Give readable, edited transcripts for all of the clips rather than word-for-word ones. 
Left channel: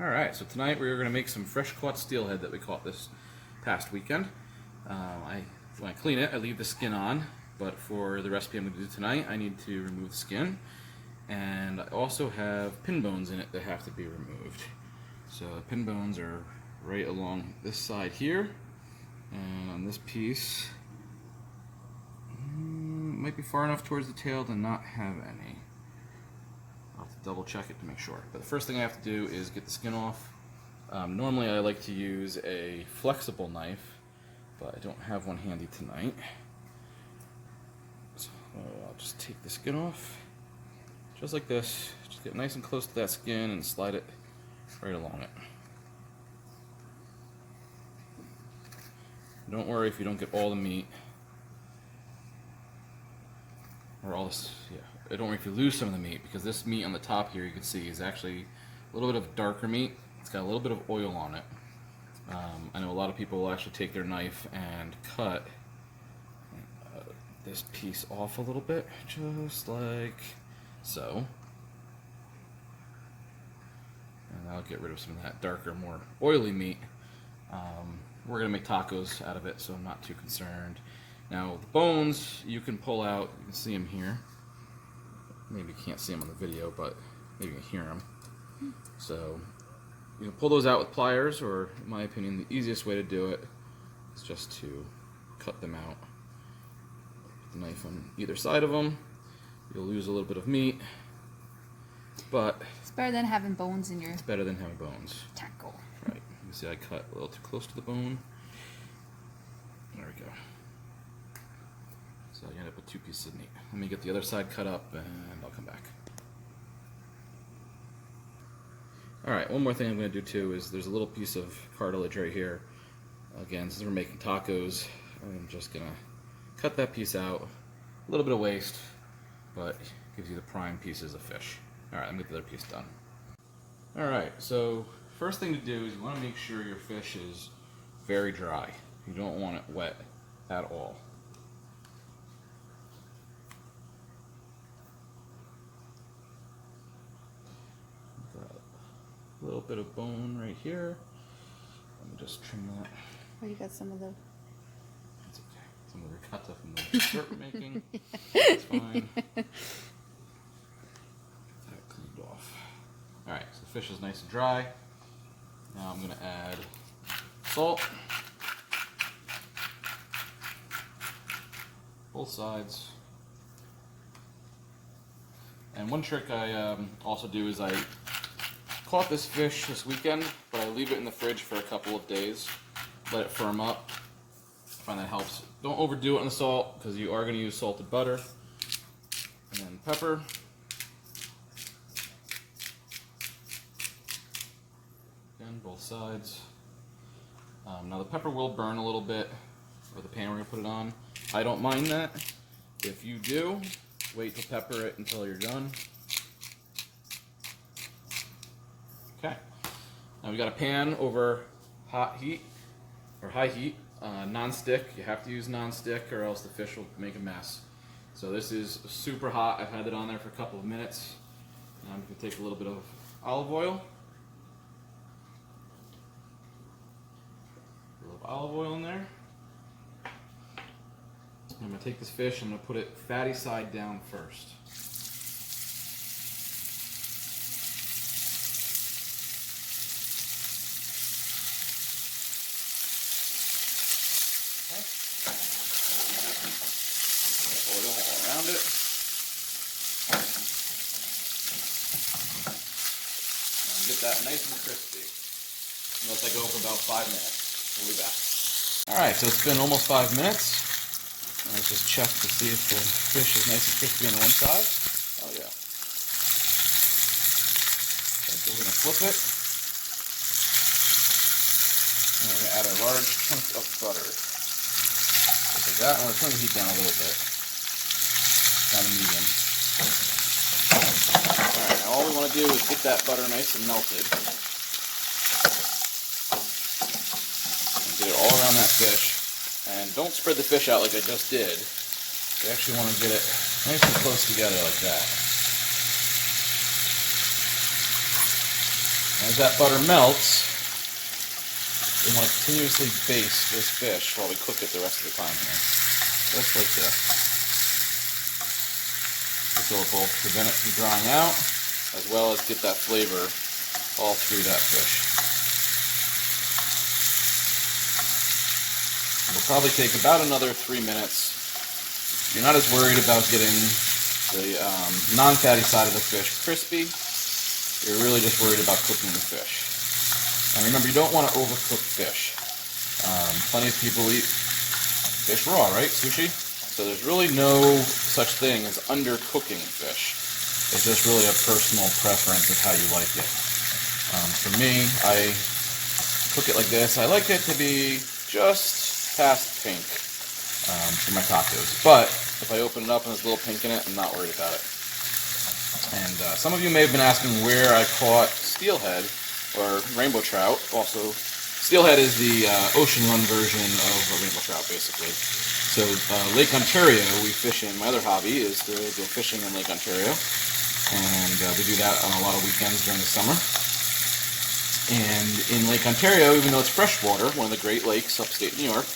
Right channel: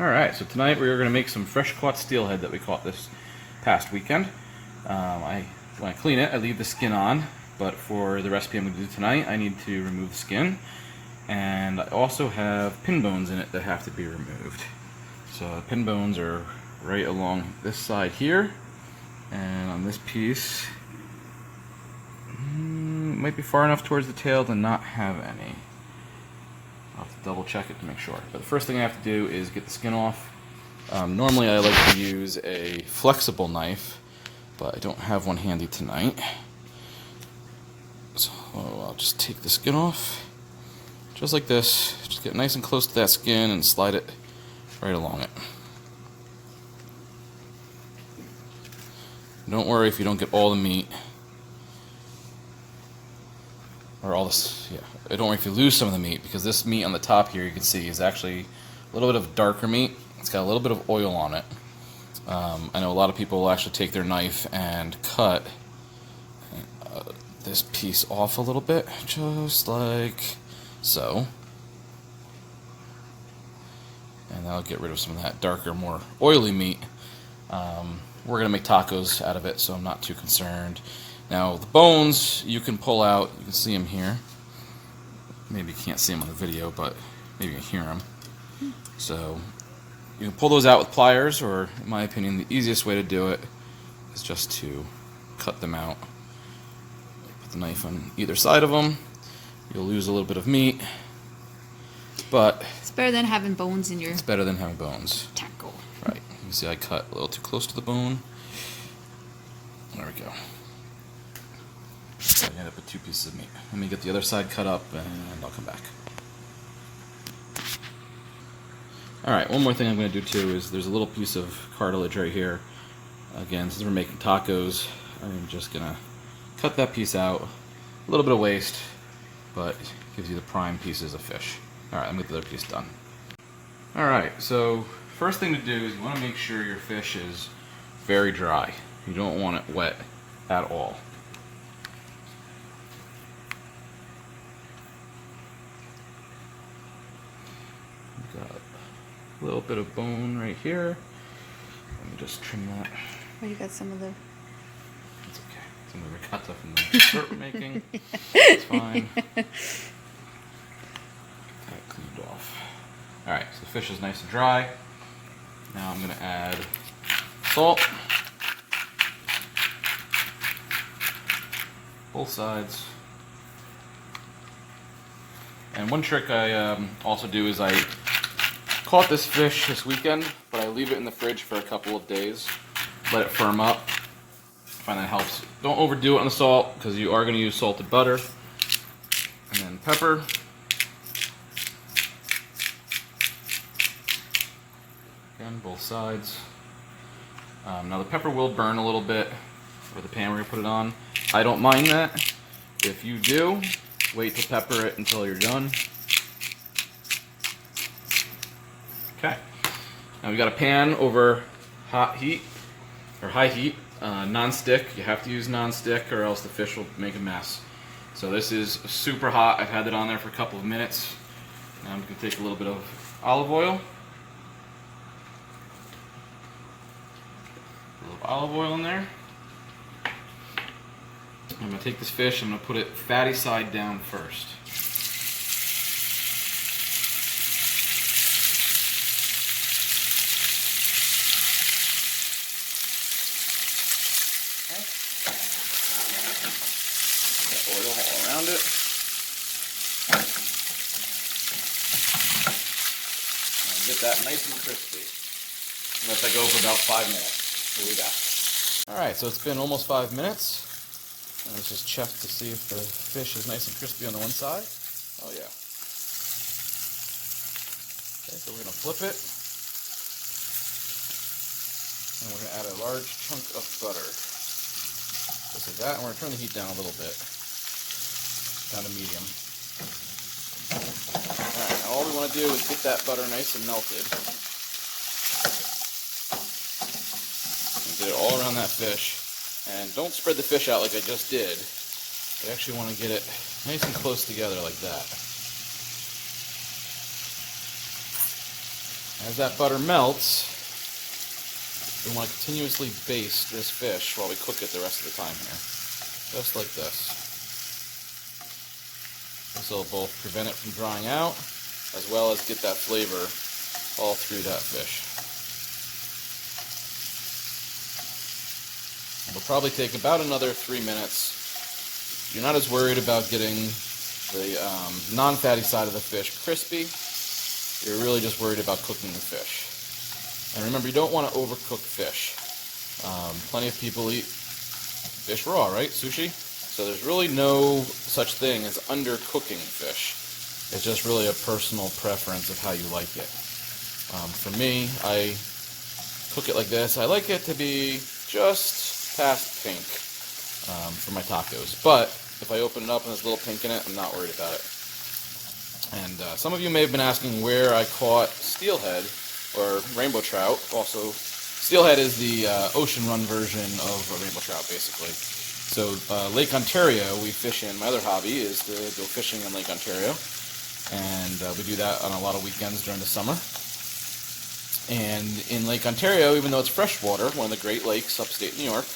Alright, so tonight we are going to make some fresh caught steelhead that we caught this past weekend. When I clean it, I leave the skin on, but for the recipe I'm going to do tonight, I need to remove the skin. And I also have pin bones in it that have to be removed. So the pin bones are right along this side here, and on this piece, might be far enough towards the tail to not have any. I'll have to double check it to make sure. But the first thing I have to do is get the skin off. Normally I like to use a flexible knife, but I don't have one handy tonight. So I'll just take the skin off, just like this. Just get nice and close to that skin and slide it right along it. Don't worry if you don't get all the meat, or all this, don't worry if you lose some of the meat, because this meat on the top here, you can see, is actually a little bit of darker meat. It's got a little bit of oil on it. I know a lot of people will actually take their knife and cut this piece off a little bit, just like so. And that'll get rid of some of that darker, more oily meat. We're going to make tacos out of it, so I'm not too concerned. Now, the bones you can pull out. You can see them here. Maybe you can't see them on the video, but maybe you can hear them. So you can pull those out with pliers, or in my opinion, the easiest way to do it is just to cut them out. Put the knife on either side of them. You'll lose a little bit of meat, but it's better than having bones in your it's better than having bones. taco. Right. You can see I cut a little too close to the bone. There we go. I end up with two pieces of meat. Let me get the other side cut up and I'll come back. Alright, one more thing I'm going to do too is there's a little piece of cartilage right here. Again, since we're making tacos, I'm just going to cut that piece out. A little bit of waste, but it gives you the prime pieces of fish. Alright, I'm going to get the other piece done. Alright, so first thing to do is you want to make sure your fish is very dry. You don't want it wet at all. Got a little bit of bone right here. Let me just trim that. Oh, you got some of the... It's okay. Some of the ricotta from the dessert we're making. It's fine. Got it cleaned off. Alright, so the fish is nice and dry. Now I'm going to add salt. Both sides. And one trick I also do is I caught this fish this weekend, but I leave it in the fridge for a couple of days. Let it firm up. I find that helps. Don't overdo it on the salt, because you are going to use salted butter. And then pepper. Again, both sides. Now the pepper will burn a little bit, or the pan we're going to put it on. I don't mind that. If you do, wait to pepper it until you're done. Okay. Now we got a pan over hot heat, or high heat, non-stick. You have to use non-stick or else the fish will make a mess. So this is super hot. I've had it on there for a couple of minutes. Now I'm going to take a little bit of olive oil. A little olive oil in there. I'm going to take this fish, I'm going to put it fatty side down first. Okay. Got oil all around it. And get that nice and crispy. Let that go for about 5 minutes. Here we go. Alright, so it's been almost 5 minutes. Let's just check to see if the fish is nice and crispy on the one side. Oh yeah. Okay, so we're going to flip it. And we're going to add a large chunk of butter. Just like that. And we're turning the heat down a little bit. Down to medium. Alright, now all we want to do is get that butter nice and melted. And get it all around that fish. And don't spread the fish out like I just did. You actually want to get it nice and close together like that. As that butter melts, we want to continuously baste this fish while we cook it the rest of the time here. Just like this. This will both prevent it from drying out, as well as get that flavor all through that fish. It'll probably take about another 3 minutes. You're not as worried about getting the non-fatty side of the fish crispy. You're really just worried about cooking the fish. And remember, you don't want to overcook fish. Plenty of people eat fish raw, right? Sushi? So there's really no such thing as undercooking fish. It's just really a personal preference of how you like it. For me, I cook it like this. I like it to be just past pink for my tacos. But if I open it up and there's a little pink in it, I'm not worried about it. And some of you may have been asking where I caught steelhead or rainbow trout. Also, steelhead is the ocean run version of a rainbow trout, basically. So Lake Ontario, we fish in. My other hobby is to go fishing in Lake Ontario, and we do that on a lot of weekends during the summer. And in Lake Ontario, even though it's freshwater, one of the Great Lakes, upstate New York,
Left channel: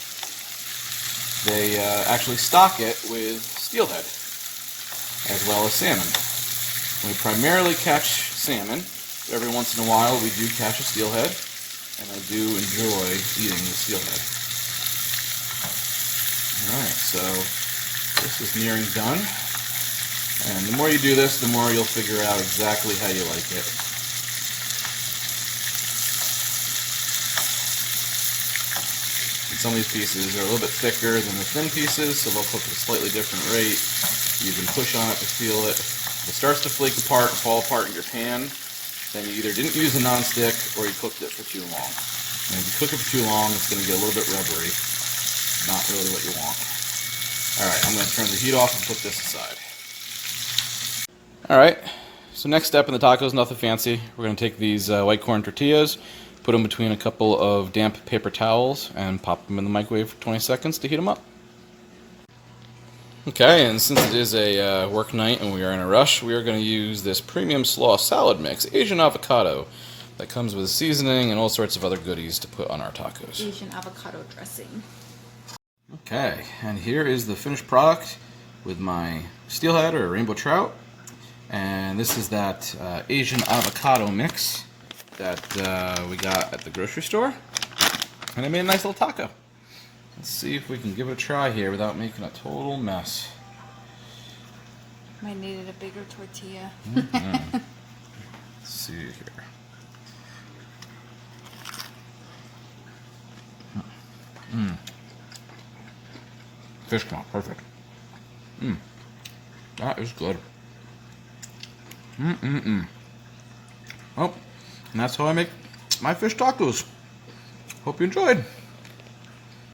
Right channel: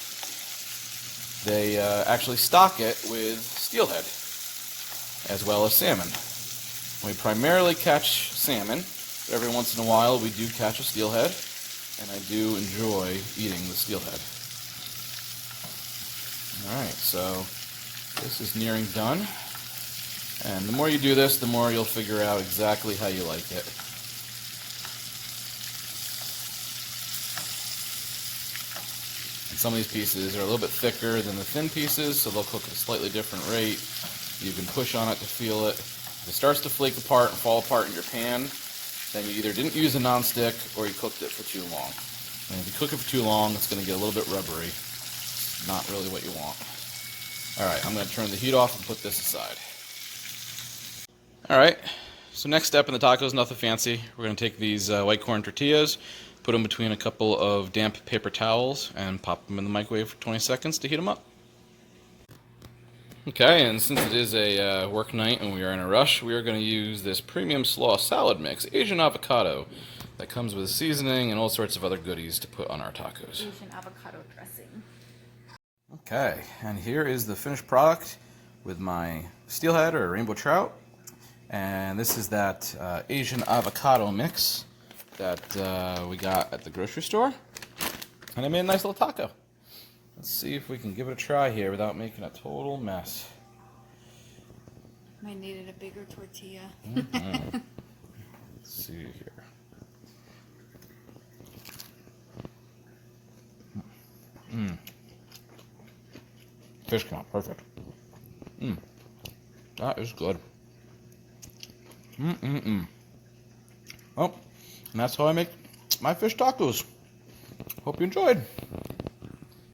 they actually stock it with steelhead, as well as salmon. We primarily catch salmon, but every once in a while we do catch a steelhead, and I do enjoy eating the steelhead. Alright, so this is nearing done, and the more you do this, the more you'll figure out exactly how you like it. And some of these pieces are a little bit thicker than the thin pieces, so they'll cook at a slightly different rate. You can push on it to feel it. If it starts to flake apart and fall apart in your pan, then you either didn't use a nonstick or you cooked it for too long. And if you cook it for too long, it's going to get a little bit rubbery. Not really what you want. Alright, I'm going to turn the heat off and put this aside. Alright, so next step in the tacos, nothing fancy. We're going to take these white corn tortillas, put them between a couple of damp paper towels, and pop them in the microwave for 20 seconds to heat them up. Okay, and since it is a work night and we are in a rush, we are going to use this premium slaw salad mix, Asian avocado, that comes with seasoning and all sorts of other goodies to put on our tacos. Asian avocado dressing. Okay, and here is the finished product with my steelhead or rainbow trout. And this is that Asian avocado mix that we got at the grocery store. And I made a nice little taco. Let's see if we can give it a try here without making a total mess. Might needed a bigger tortilla. Let's see here. Fish count, perfect. That is good. Oh, and that's how I make my fish tacos. Hope you enjoyed.